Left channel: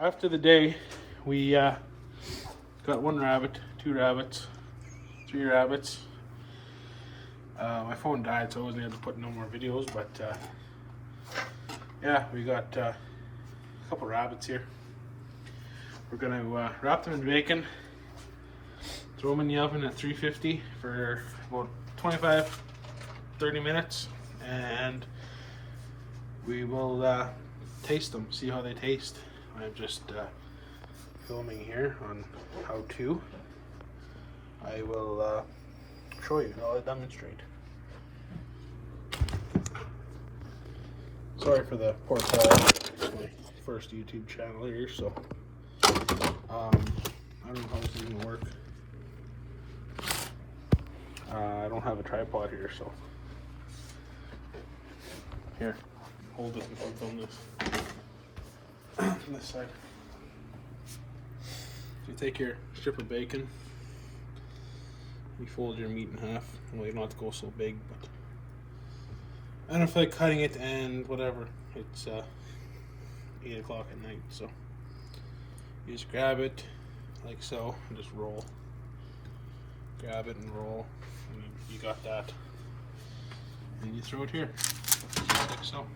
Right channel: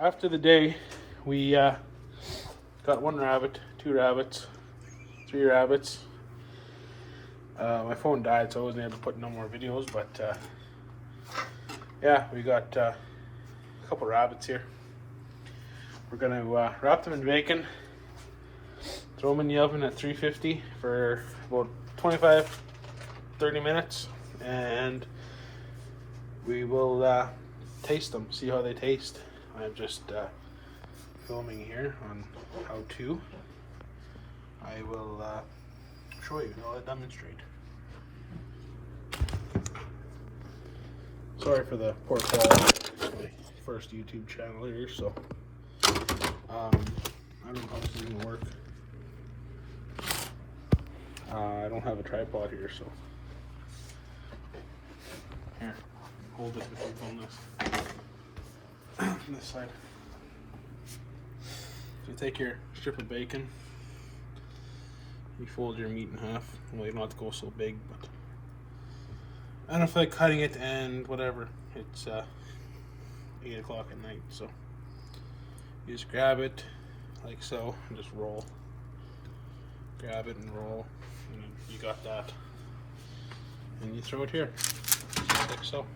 after the day, we got 1 rabbit, 2 rabbits, 3 rabbits. My phone died, so I wasn't able to put no more videos, but yeah, we got a couple rabbits here. We're gonna wrap them in bacon, throw them in the oven at 350 for about 25-30 minutes, and we will taste them, see how they taste. I'm just filming here on how to. I will show you, I'll demonstrate. Sorry for the poor quality. It's my first YouTube channel here, so I don't know how this is gonna work. I don't have a tripod here, so here, hold it and film this from this side. You take your strip of bacon, you fold your meat in half. Well, you don't have to go so big, but I don't feel like cutting it, and whatever. It's 8 o'clock at night, so you just grab it like so and just roll. Grab it and roll, and you got that. And you throw it here, just like so.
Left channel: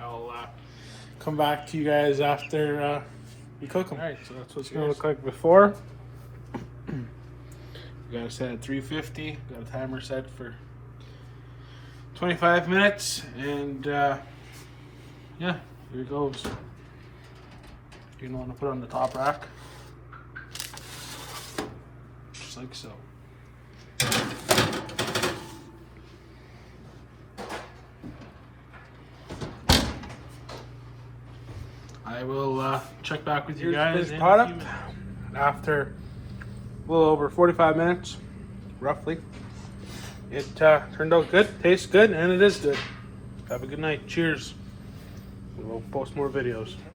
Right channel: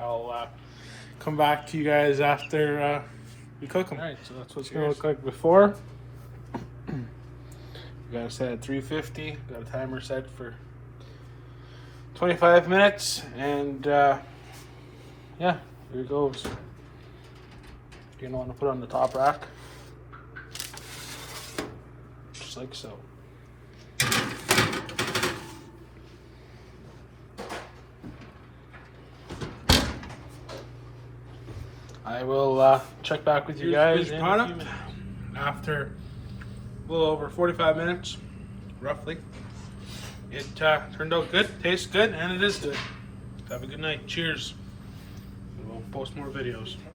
I'll come back to you guys after we cook them. Alright, so that's what it's going to look like before. We got it set at 350, got a timer set for 25 minutes, and yeah, here goes. You're going to want to put it on the top rack, just like so. I will check back with you guys. Product after a little over 45 minutes, roughly. It turned out good, tastes good, and it is good. Have a good night. Cheers. We'll post more videos.